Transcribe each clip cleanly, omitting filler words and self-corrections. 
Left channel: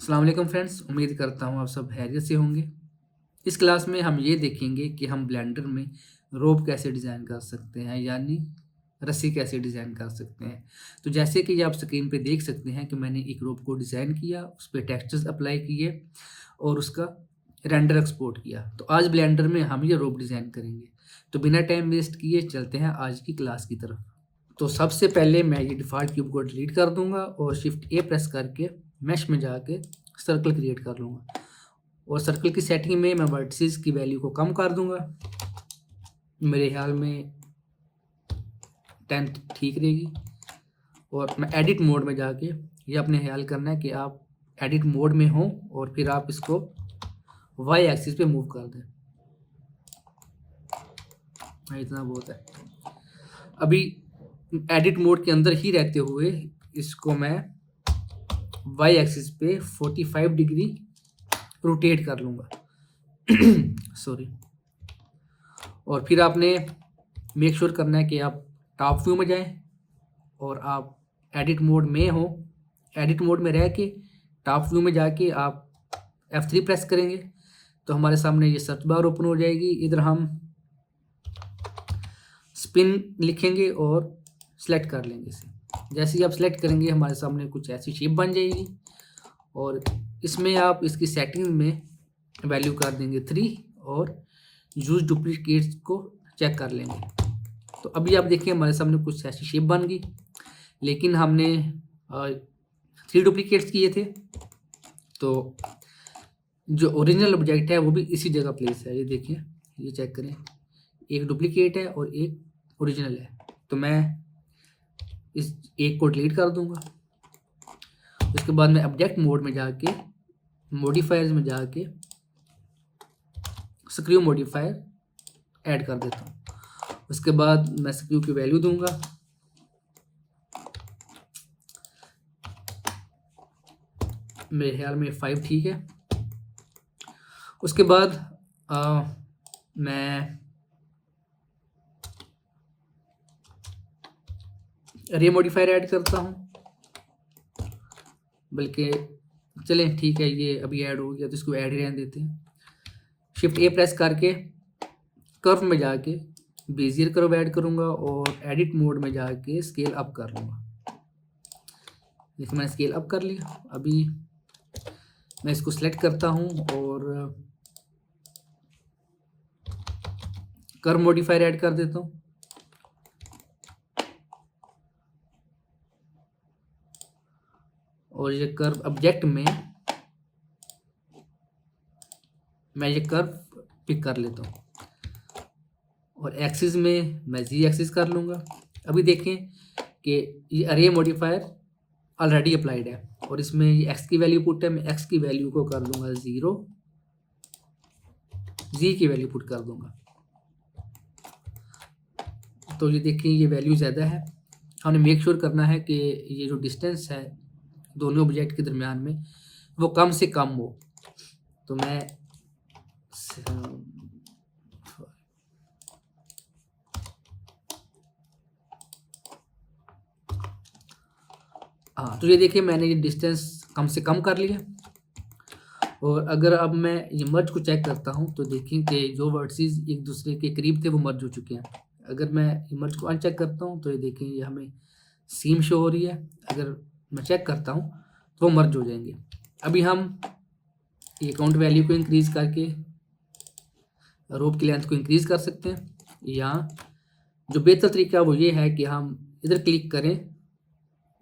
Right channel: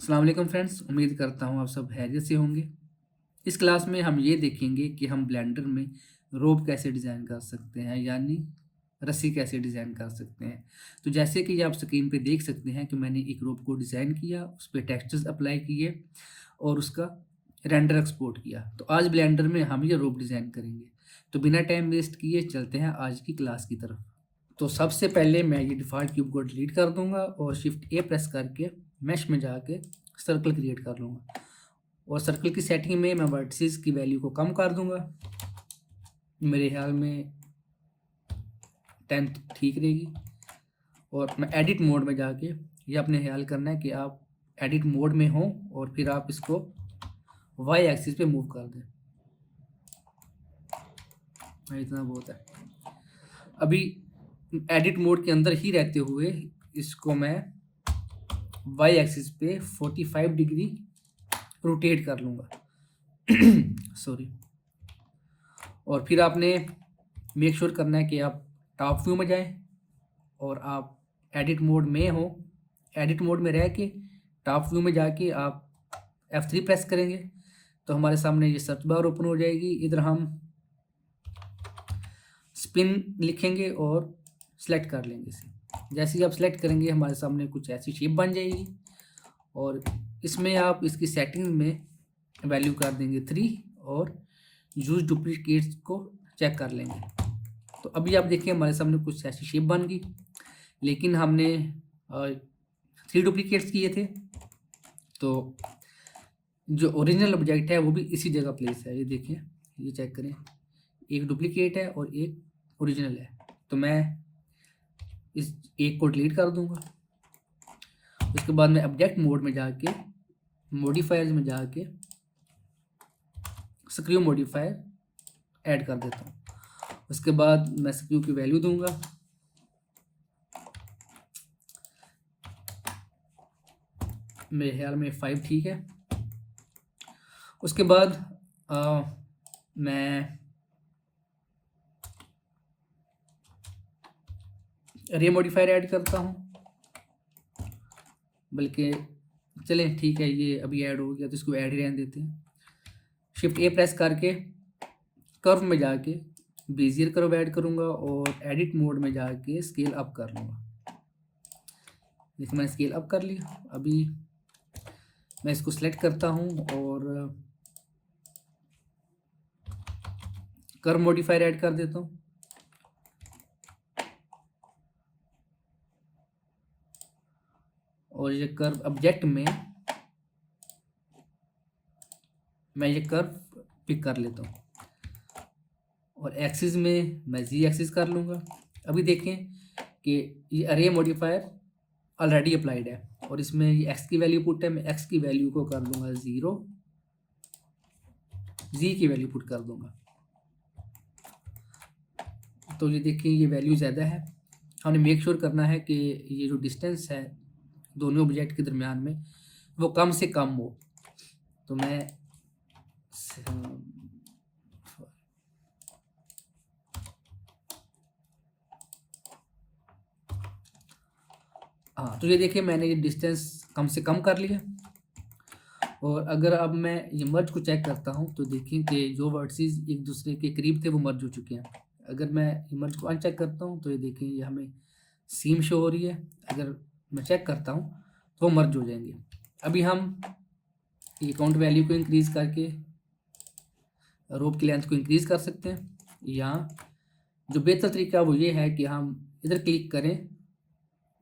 अस्सलाम वालेकुम फ्रेंड्स, उम्मीद करता हूँ आप सब खैरियत से होंगे। इस क्लास में हम ये देखेंगे कि हम ब्लेंडर में रोप कैसे डिज़ाइन कर सकते हैं, यानी रस्सी कैसे डिज़ाइन कर सकते हैं। तो जैसे कि आप स्क्रीन पे देख सकते हैं कि मैंने एक रोप को डिज़ाइन किया, उस पे टेक्सचर्स अप्लाई किए और उसका रेंडर एक्सपोर्ट किया। तो आज ब्लेंडर में हम ये रोप डिज़ाइन करेंगे। तो बिना टाइम वेस्ट किए चलते हैं आज की क्लास की तरफ। तो सबसे पहले मैं ये डिफ़ॉल्ट क्यूब को डिलीट कर दूँगा और शिफ्ट ए प्रेस करके मेश में जाके सर्कल क्रिएट कर लूँगा और सर्कल की सेटिंग में मैं वर्टिसेस की वैल्यू को कम कर दूँगा। मेरे ख्याल में 10 ठीक रहेगी और मैं एडिट मोड में जाके ये अपने ख्याल करना है कि आप एडिट मोड में हों और फिर आप इसको वाई एक्सिस पे मूव कर दें। इतना बहुत है। अभी एडिट मोड के अंदर ही रहते हुए इसको मैं वाई एक्सिस पे 45 डिग्री रोटेट कर लूँगा। सॉरी। और फिर आपने मेक श्योर करना है कि आप टॉप व्यू में जाएं और आप एडिट मोड में हो। एडिट मोड में रह के टॉप व्यू में जाके आप F3 प्रेस करेंगे तो हमारे सामने ये सर्च बार ओपन हो जाएगी। इधर हम स्पिन लिखेंगे और सेलेक्ट कर लेंगे इसे। जैसे ही आप सेलेक्ट करेंगे हमारे सामने कुछ ऐसी शेप बन जाएगी और इसमें आप इसकी सेटिंग में वैल्यू कर देंगे 3 और यूज डुप्लीकेट्स को चेक कर लेंगे। तो अभी आप देखिए हमारे सामने कुछ ऐसी शेप बन गई, लेकिन हमने 3 डुप्लीकेट्स किए थे। तो जो ओरिजिनल ऑब्जेक्ट है वो भी इसी जगह प्लेस है। ये देखिए, ये चेक करें, एक डुप्लीकेट है और एक ओरिजिनल है। तो मैं इस एक को डिलीट कर दूंगा। उसके बाद मैं ऑब्जेक्ट मोड में जाके मॉडिफायर्स में जाके स्क्रू मॉडिफायर ऐड कर देता हूँ। उसके बाद मैं स्क्रू की वैल्यू दूंगा। मेरे ख्याल में 5 ठीक है। उसके बाद मैं रे मॉडिफायर ऐड करता हूँ, बल्कि चलें ठीक है, ये अभी ऐड हो गया तो इसको ऐड ही रहने देते हैं। शिफ्ट ए प्रेस करके कर्व में जाके बेजियर कर्व ऐड करूँगा और एडिट मोड में जाके स्केल अप कर लूँगा। देखिए मैंने स्केल अप कर लिया। अभी मैं इसको सिलेक्ट करता हूँ और कर्व मॉडिफायर ऐड कर देता हूँ। और ये कर्व ऑब्जेक्ट में मैं ये कर्व पिक कर लेता हूँ और एक्सिस में मैं जी एक्सिस कर लूँगा। अभी देखें कि ये अरे मॉडिफायर ऑलरेडी अप्लाइड है और इसमें ये एक्स की वैल्यू पुट है। मैं एक्स की वैल्यू को कर दूंगा 0, जी की वैल्यू पुट कर दूंगा। तो ये देखिए ये वैल्यू ज़्यादा है। हमने मेक श्योर करना है कि ये जो डिस्टेंस है दोनों ऑब्जेक्ट के दरमियान में वो कम से कम हो। तो मैं हाँ, तो ये देखिए मैंने ये डिस्टेंस कम से कम कर लिया। और अगर अब मैं ये मर्ज को चेक करता हूँ तो देखिए कि जो वर्टिसेस एक दूसरे के करीब थे वो मर्ज हो चुके हैं। अगर मैं ये मर्ज को अनचेक करता हूँ तो ये देखिए ये हमें सीम शो हो रही है। अगर मैं चेक करता हूँ तो वो मर्ज हो जाएंगे। अभी हम ये काउंट वैल्यू को इंक्रीज़ करके रोप की लेंथ को इंक्रीज़ कर सकते हैं, या जो बेहतर तरीका वो ये है कि हम इधर क्लिक करें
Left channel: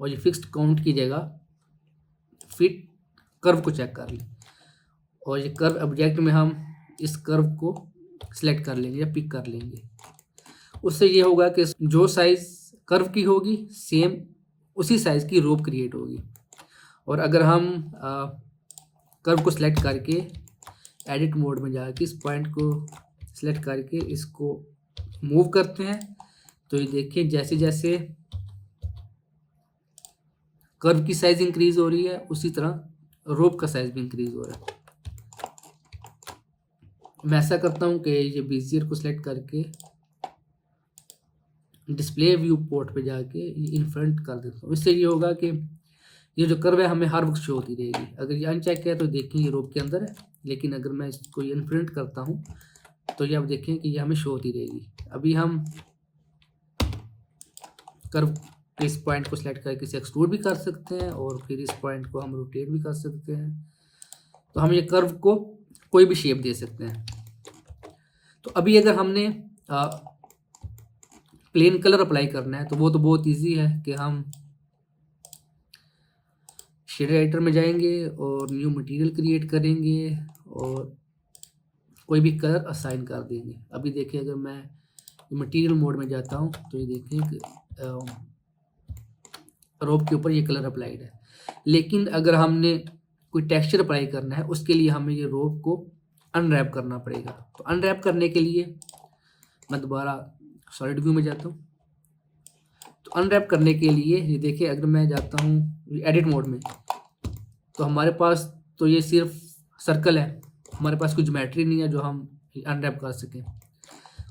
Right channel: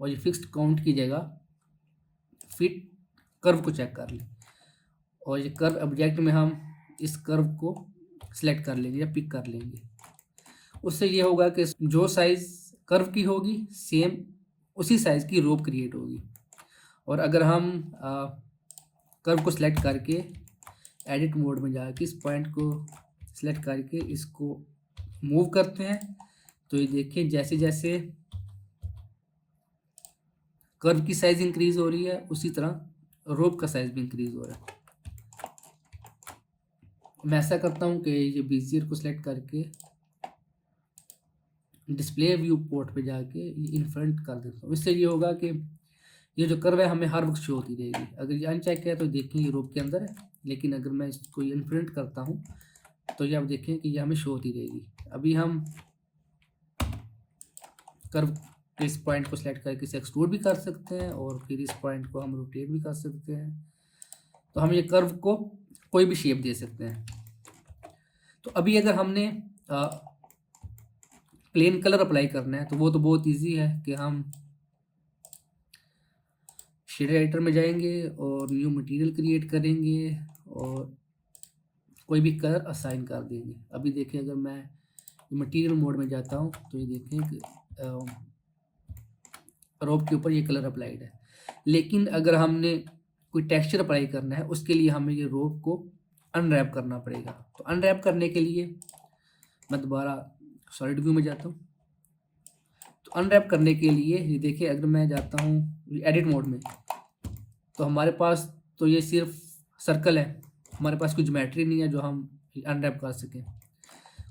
और ये फिक्स्ड काउंट की जगह फिट कर्व को चेक कर लें और ये कर्व ऑब्जेक्ट में हम इस कर्व को सिलेक्ट कर लेंगे या पिक कर लेंगे। उससे ये होगा कि जो साइज़ कर्व की होगी सेम उसी साइज़ की रोप क्रिएट होगी। और अगर हम कर्व को सिलेक्ट करके एडिट मोड में जाके इस पॉइंट को सिलेक्ट करके इसको मूव करते हैं तो ये देखिए जैसे जैसे कर्व की साइज इंक्रीज हो रही है उसी तरह रोप का साइज भी इंक्रीज हो रहा है। मैं ऐसा करता हूँ कि ये बेजियर को सिलेक्ट करके डिस्प्ले व्यू पोर्ट पे जाके ये इन फ्रंट कर देता हूँ। इससे ये होगा कि ये जो कर्व है हमें हर वक्त शो होती रहेगी। अगर ये अनचेक है तो देखें ये रोप के अंदर है, लेकिन अगर मैं इसको इनफिनिट करता हूँ तो ये आप देखें कि ये हमें शो होती रहेगी। अभी हम कर्व के इस पॉइंट को सिलेक्ट करके इसे एक्सट्रूड भी कर सकते हैं और फिर इस पॉइंट को हम रोटेट भी कर सकते हैं। तो हम ये कर्व को कोई भी शेप दे सकते हैं। तो अभी अगर हमने प्लेन कलर अप्लाई करना है तो वो तो बहुत इजी है कि हम शेड एडिटर में जाएंगे और न्यू मटेरियल क्रिएट करेंगे और कोई भी कलर असाइन कर देंगे। अभी देखिए अगर मैं मटेरियल मोड में जाता हूँ तो ये देखें कि रोप के ऊपर ये कलर अप्लाइड है। लेकिन अगर हमने कोई टेक्सचर अप्लाई करना है उसके लिए हमें ये रोप को अनरैप करना पड़ेगा। तो अनरैप करने के लिए मैं दोबारा सॉलिड व्यू में जाता हूँ। तो अनरैप करने के लिए ये देखिए अगर मैं जाता हूँ एडिट मोड में तो हमारे पास तो ये सिर्फ सर्कल है, हमारे पास कोई ज्योमेट्री नहीं है जो हम अनरैप कर सकें।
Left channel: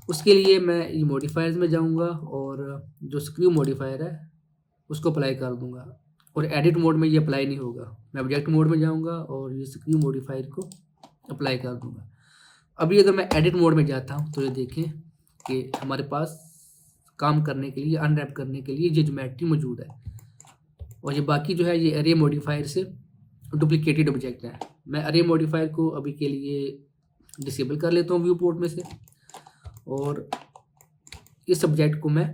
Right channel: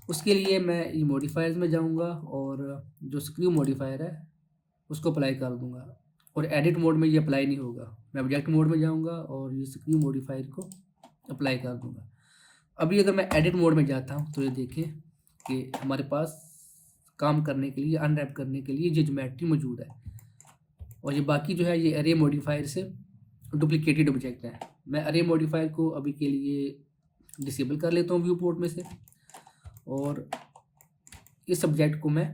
उसके लिए मैं ये मॉडिफायर्स में जाऊँगा और जो स्क्रू मॉडिफायर है उसको अप्लाई कर दूँगा और एडिट मोड में ये अप्लाई नहीं होगा। मैं ऑब्जेक्ट मोड में जाऊँगा और ये स्क्रू मॉडिफायर को अप्लाई कर दूँगा। अभी अगर मैं एडिट मोड में जाता हूँ तो ये देखें कि हमारे पास काम करने के लिए अनरैप करने के लिए ये ज्योमेट्री मौजूद है और ये बाकी जो है ये अरे मॉडिफायर से डुप्लीकेटेड ऑब्जेक्ट है। मैं अरे मॉडिफायर को अभी के लिए डिसेबल कर लेता हूँ व्यू पोर्ट में से और इस ऑब्जेक्ट को मैं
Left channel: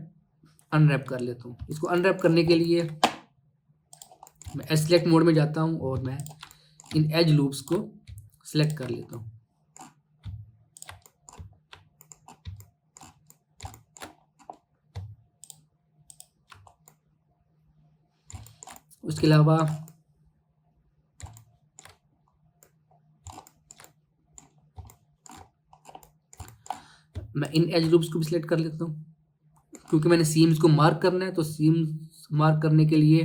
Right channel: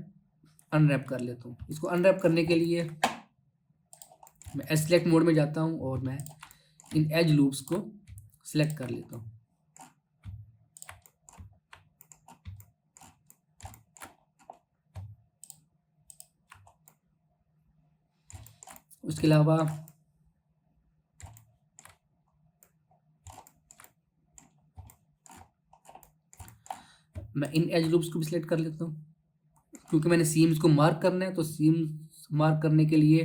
अनरैप कर लेता हूँ। इसको अनरैप करने के लिए मैं सेलेक्ट मोड में जाता हूँ और मैं इन एज लूप्स को सिलेक्ट कर लेता हूँ। उसके अलावा मैं इन एज लूप्स को भी सिलेक्ट कर लेता हूँ क्योंकि मैंने सीम्स को मार्क करना है। तो सीम्स मार्क करने के लिए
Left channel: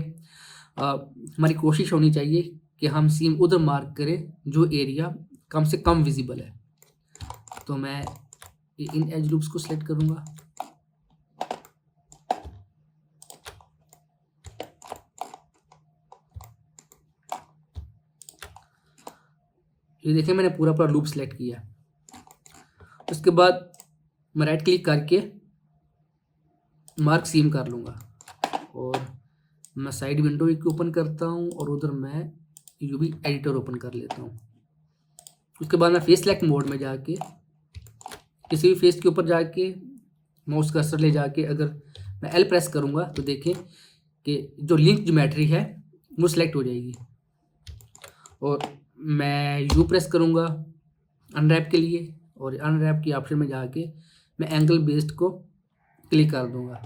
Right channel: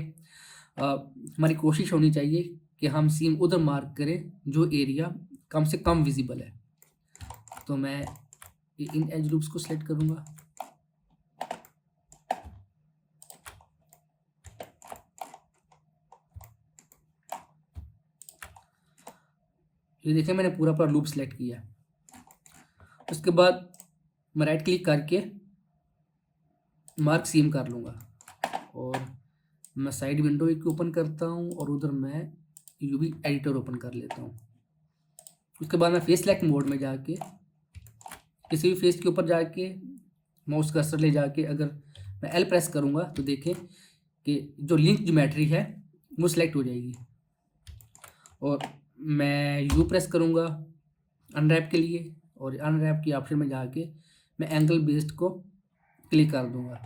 हमारी कोशिश होनी चाहिए कि हम सीम उधर मार्क करें जो एरिया कम से कम विजिबल है। तो मैं इन एज लूप्स को सिलेक्ट करूँगा। ये देखिए मैंने पूरा लूप सिलेक्ट किया। उसके बाद मैं राइट क्लिक करके मार्क सीम कर लूँगा और मैं साइड विंडो एक ओपन करता हूँ और उधर मैं यूवी एडिटर ओपन कर लेता हूँ। उसके बाद मैं फेस सेलेक्ट मोड में जाके किसी भी फेस के ऊपर जाके माउस कर्सर ले जाके अगर मैं एल प्रेस करूँगा तो देखें कि जो लिंक ज्योमेट्री है वो सिलेक्ट हो जाएगी और मैं यू प्रेस करूँगा अनरैप के लिए और अनरैप की ऑप्शन में जाके मैं एंगल बेस्ड को क्लिक कर दूँगा।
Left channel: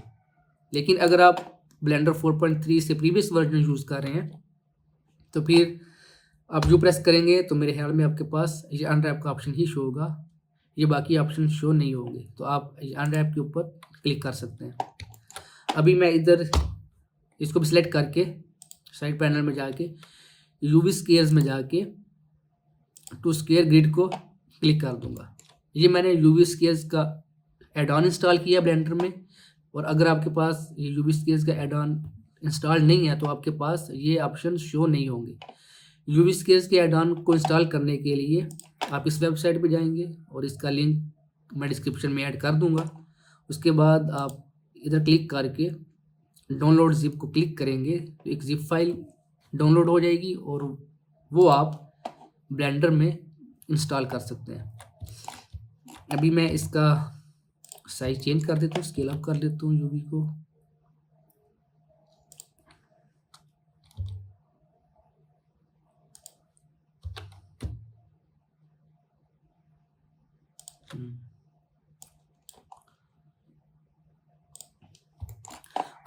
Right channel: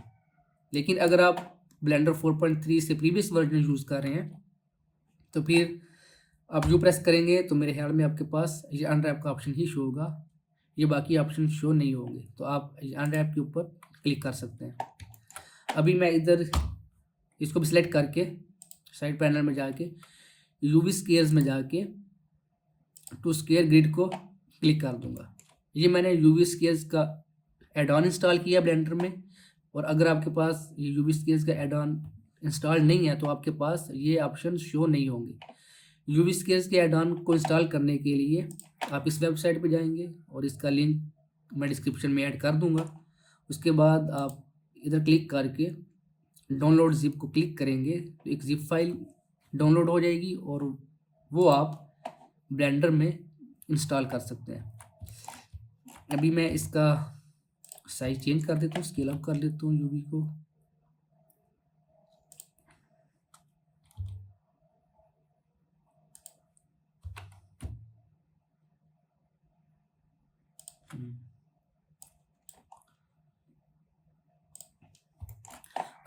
लेकिन अगर आप ब्लेंडर 4.3 से प्रीवियस वर्जन यूज़ कर रहे हैं तो फिर आप यू प्रेस करेंगे तो मेरे ख्याल में आपके पास ये अनरैप का ऑप्शन ही शो होगा, ये बाकी ऑप्शन शो नहीं होंगे। तो आप अनरैप के ऊपर क्लिक कर सकते हैं। अभी मैं इधर इसको भी सिलेक्ट करके साइड पैनल में जाके यूवी स्केयर्स में जाके टू स्केयर ग्रिड को क्लिक कर दूंगा। ये मैंने यूवी स्केयर्स का एड ऑन इंस्टॉल किया ब्लेंडर में और अगर आपके पास ये यूवी स्केयर्स का एड ऑन इंस्टॉल नहीं है तो आपके पास ये ऑप्शन शो नहीं होंगे। यूवी स्केयर्स के एड ऑन को इंस्टॉल करने के लिए आप इस वेबसाइट पे जाएंगे और इसका लिंक मैं डिस्क्रिप्शन में ऐड कर दूंगा। उसके बाद आप इधर क्लिक करके डाउनलोड जिप को क्लिक करेंगे तो एक जिप फाइल डाउनलोड हो जाएगी और वो आप ब्लेंडर में इंस्टॉल कर सकते हैं। अभी मैं इसका साइज चेंज कर देता हूँ, स्केल अप कर लेता हूँ यूवी को।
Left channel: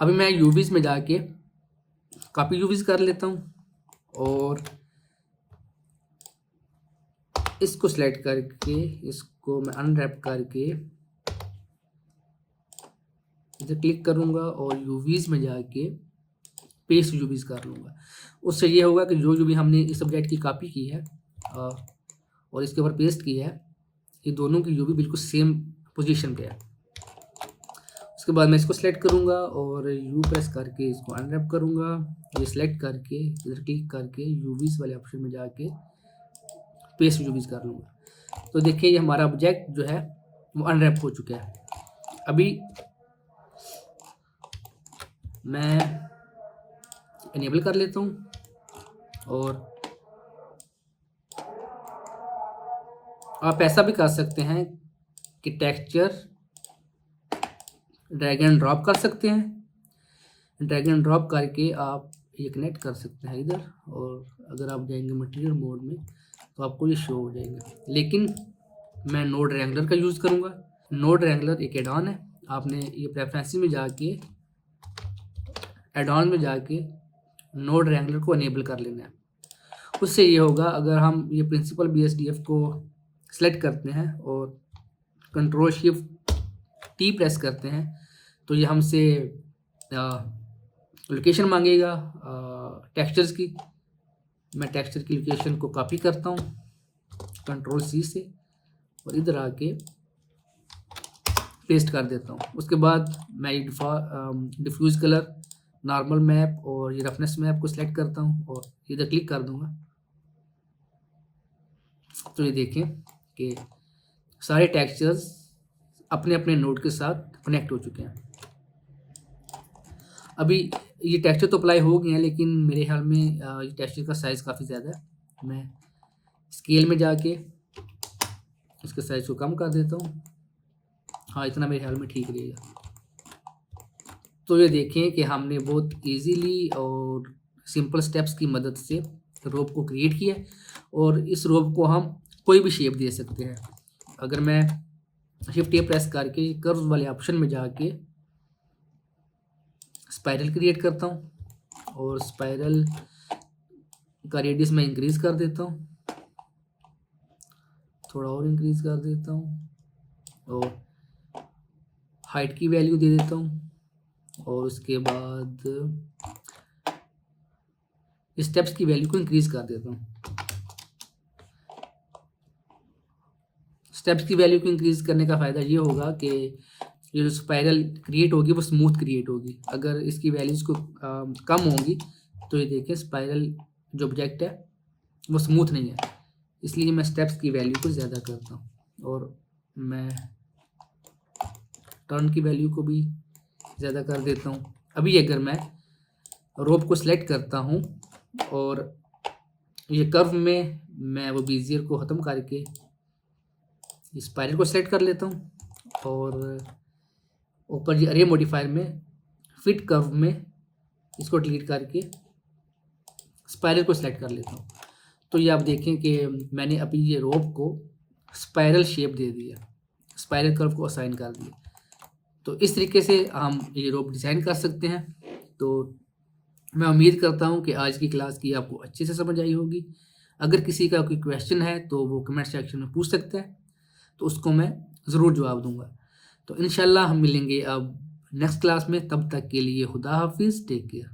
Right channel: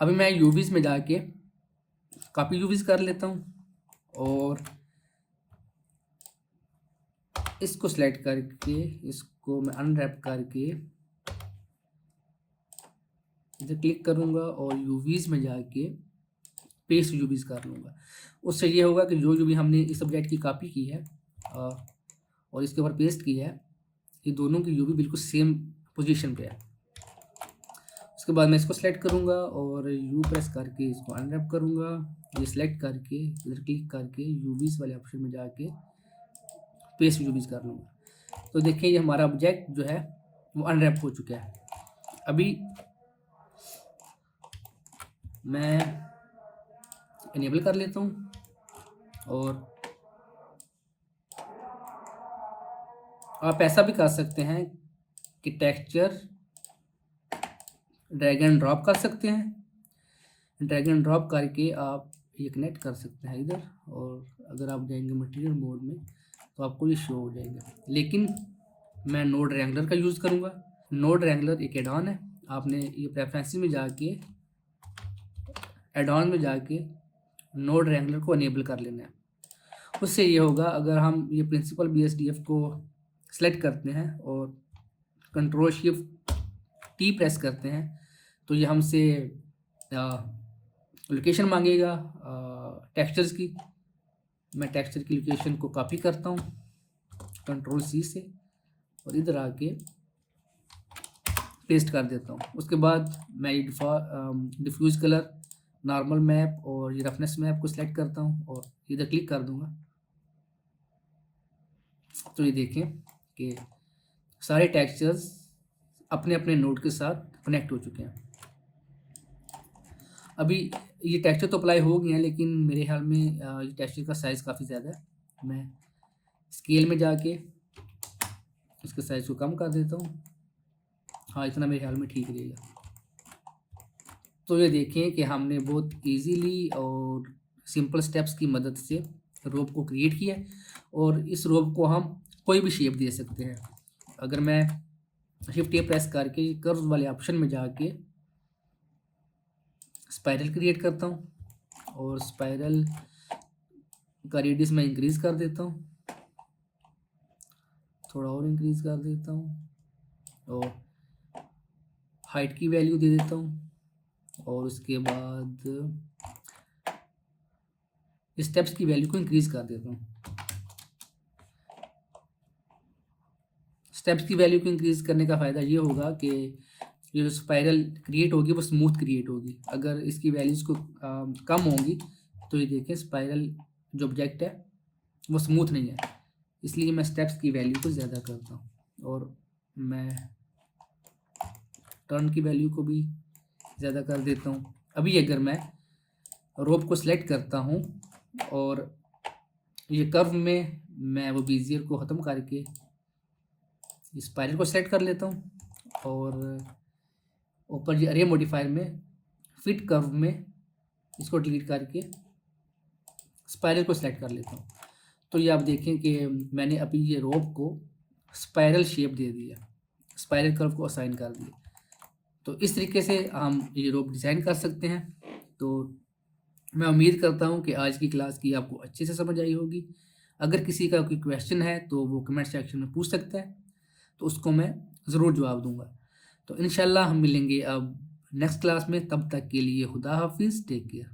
अभी मैं यूवीज में जाके कॉपी यूवीज कर लेता हूँ और इसको सिलेक्ट करके इसको मैं अनरैप करके इधर क्लिक करूँगा और यूवीज में जाके पेस्ट यूवीज कर लूँगा। उससे ये होगा कि जो यूवी हमने इस सब्जेक्ट की कॉपी की है और इसके ऊपर पेस्ट की है, ये दोनों की यूवी बिल्कुल सेम पोजीशन पे है। उसके बाद मैं इसको सेलेक्ट करूँगा और यू प्रेस करके इसको अनरैप करूँगा। ये सेलेक्ट करके इधर क्लिक करके यूवीज़ वाले ऑप्शन में जाके पेस्ट यूवीज़ कर लूँगा। तो देखिए ये हमारा ऑब्जेक्ट जो है वो अनरैप हो चुका है। अभी मैं इनेबल कर लेता हूँ और आप ऐसा भी कर सकते हैं कि टेक्सचर ड्रैग एंड ड्रॉप कर सकते हैं। ड्रैग एंड ड्रॉप करके आप ये कनेक्ट कर सकते हैं इधर, और अगर आप जाएंगे मटेरियल मोड में तो आपको ये शो हो जाएगा। लेकिन मैं नोड रैंगलर का यूज़ करूँगा। नोड रैंगलर एक एड ऑन है। आपने ये प्रेफरेंसेस में जाके एड ऑन में जाके नोड रैंगलर को इनेबल कर लेना है। उससे ये होगा, अगर हम ये प्रिंसिपल BSDF को सेलेक्ट करते हैं और कंट्रोल शिफ्ट T प्रेस करते हैं तो ये हमसे लोकेशन मांगेगा टेक्सचर्स की। मैं टेक्सचर की लोकेशन को कॉपी करता हूँ कंट्रोल C से और इधर आके पेस्ट कर देता हूँ। उसके बाद मैं डिफ्यूज कलर, नॉर्मल मैप और ये रफनेस मैप को सिलेक्ट करता हूँ और इधर क्लिक कर दूंगा। तो ये देखें कि सारे टेक्सचर्स अपने अपने नोड के साथ कनेक्ट हो चुके हैं। अभी ये टेक्सचर तो अप्लाई हो गए हैं, लेकिन मेरे ख्याल में ये टेक्सचर का साइज़ काफ़ी ज़्यादा है। मैं स्केल में जाके इसके साइज़ को कम कर देता हूँ। हाँ, इतना मेरे ख्याल में ठीक रहेगा। तो ये देखें कि हमने बहुत इजीली और सिंपल स्टेप्स की मदद से रोप को क्रिएट किया है, और इस रोप को हम कोई भी शेप दे सकते हैं। अगर मैं शिफ्ट ए प्रेस करके कर्व वाले ऑप्शन में जाके स्पाइरल क्रिएट करता हूँ और स्पाइरल का रेडियस मैं इंक्रीज़ कर देता हूँ, थोड़ा और इंक्रीज़ कर देता हूँ और हाइट की वैल्यू दे देता हूँ, और उसके बाद स्टेप्स की वैल्यू को इंक्रीज़ कर देता हूँ। स्टेप्स की वैल्यू को इंक्रीज़ करने का फ़ायदा ये होगा कि ये जो स्पाइरल क्रिएट होगी वो स्मूथ क्रिएट होगी। अगर इसकी वैल्यूज़ को कम होंगी तो ये देखें स्पाइरल जो ऑब्जेक्ट है वो स्मूथ नहीं है। इसलिए मैं स्टेप्स की वैल्यू को ज़्यादा करता हूँ और मैं टर्न की वैल्यू को भी ज़्यादा कर देता हूँ। अभी अगर मैं रोप को सिलेक्ट करता हूँ और ये कर्व में मैं वो बीजियर को ख़त्म करके स्पाइरल को सेलेक्ट कर लेता हूँ और ऊपर ये अरे मॉडिफायर में फिट कर्व में इसको डिलीट करके स्पाइरल को सेलेक्ट कर लेता हूँ। तो ये आप देखें कि मैंने अभी ये रोप को स्पाइरल शेप दे दिया, स्पाइरल कर्व को असाइन कर दिया। तो इस तरीके से हम ये रोप डिज़ाइन कर सकते हैं। तो मैं उम्मीद करता हूँ कि आज की क्लास की आपको अच्छे से समझ आई होगी। अगर किसी का कोई क्वेश्चन है तो वो कमेंट सेक्शन में पूछ सकता है, तो उसको मैं ज़रूर जवाब दूंगा। तो इंशाल्लाह हम मिलेंगे अब नेक्स्ट क्लास में। तब तक के लिए खुदा हाफिज़, टेक केयर।